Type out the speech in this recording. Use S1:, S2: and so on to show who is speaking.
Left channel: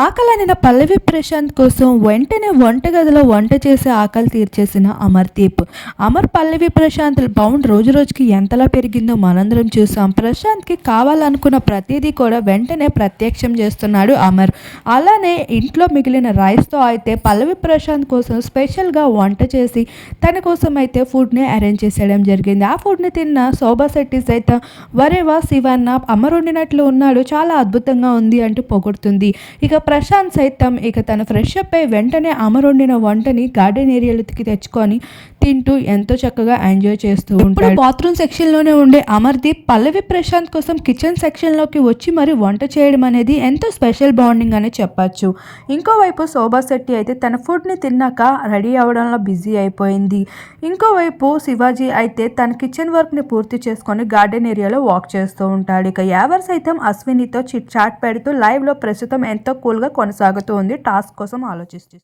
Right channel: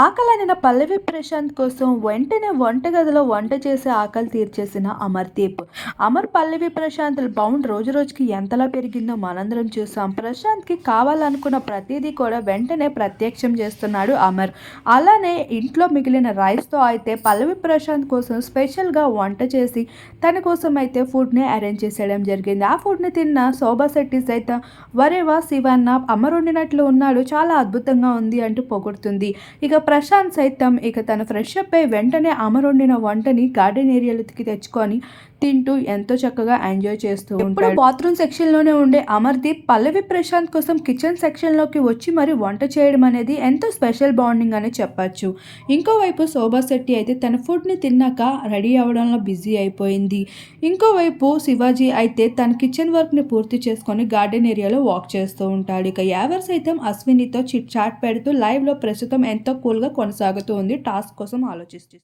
S1: ఆకలనిన పల్లవి ప్రశాంత్ కోసం వెంటనే వంటగదిలో వంట చేసి ఆకలి తీర్చేసిన అమర్దీప్ అమర్ పల్లవి ప్రశాంత్ బౌండ్ రోజు రోజుకి ఎంతలా పెరిగిందో మనందరం చూసాం. ప్రశాంత్కి కావాలనుకున్న ప్రతిదీ కూడా వెంటనే ప్రత్యక్షం చేస్తున్నాడు అమర్. అలానే ఇంట్లో మిగిలిన రైస్తో అయితే పల్లవి ప్రశాంత్ కోసం స్పెషల్గా వంట చేసి తన కోసం అయితే ఫుడ్ని అరేంజ్ చేసేయడం జరిగింది. ఆ ఫుడ్ని తిన్న శోభా శెట్టి సైతం వరేవా శివన్న అమర్ వండినట్లు ఉన్నాడు చాలా అద్భుతంగా ఉంది అంటూ పొగుడుతుంది. ఇక ప్రశాంత్ సైతం ఇక తన ఫ్రెష్ అప్ అయి వెంటనే అమర్ వండిన వంటని గార్డెన్ ఏరియాలోకి తెచ్చుకొని తింటూ ఎంతో చక్కగా ఎంజాయ్ చేస్తూ ఉంటాడు. బాత్రూమ్ సెక్షన్లోనే ఉండే అమర్దీప్ పల్లవి ప్రశాంత్ కోసం కిచెన్ సెక్షన్లోకి వచ్చి మరి వంట చేయడం అనేది ఎంతో స్పెషల్ బాండింగ్ అని చెప్పచ్చు. ఇంకోవైపు శోభా శెట్టి అయితే తన ఫుడ్ని తిన్నాక రెడీ అవ్వడంలో బిజీ అయిపోయింది. ఇంకోవైపు శివాజీ అయితే తన కిచెన్ వర్క్ని పూర్తి చేసుకొని గార్డెన్ ఏరియాలో వాక్ చేస్తూ ఉంటాడు. ఇక యావర్ సైతం అశ్వినితో చిట్ చాట్ పెడుతూ లైవ్లో ప్రస్తుతం ఎంతో కూల్గా కొనసాగుతూ ఉంది. టాస్క్ కోసం ఆలోచిస్తూ